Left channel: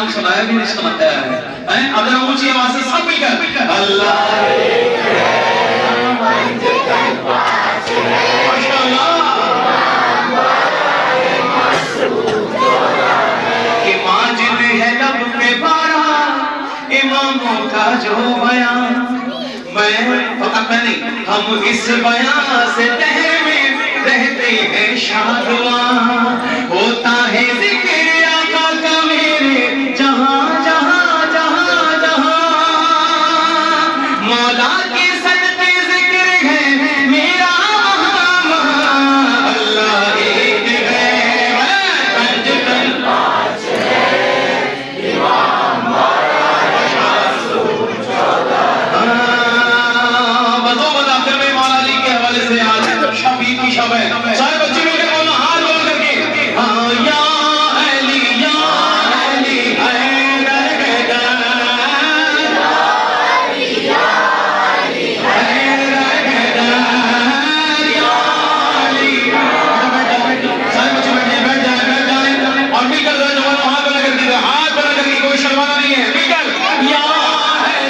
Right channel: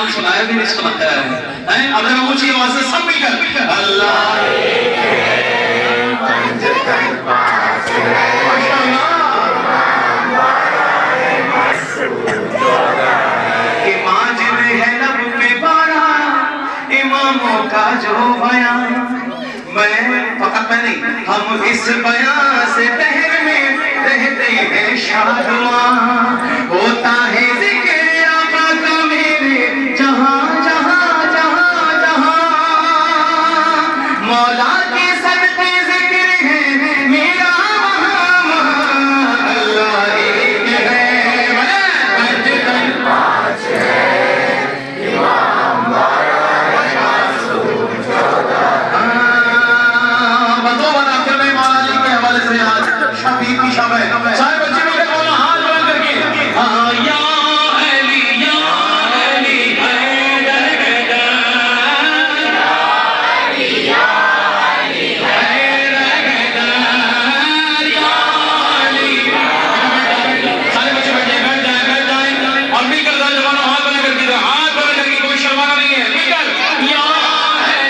नाम सुनाया कि नहीं सुनाया है? अब जरा ऊंची आवाज से सब मिलकर अल्लाह कि माजिद है लब के बारा इमामों का जो बयान, मैं फकत मैं नहीं, हम इस बयान से तहे में रहते हैं शादुआ, होता है जिक्र आका का मेरे जहां जहां जहां जहां, मौला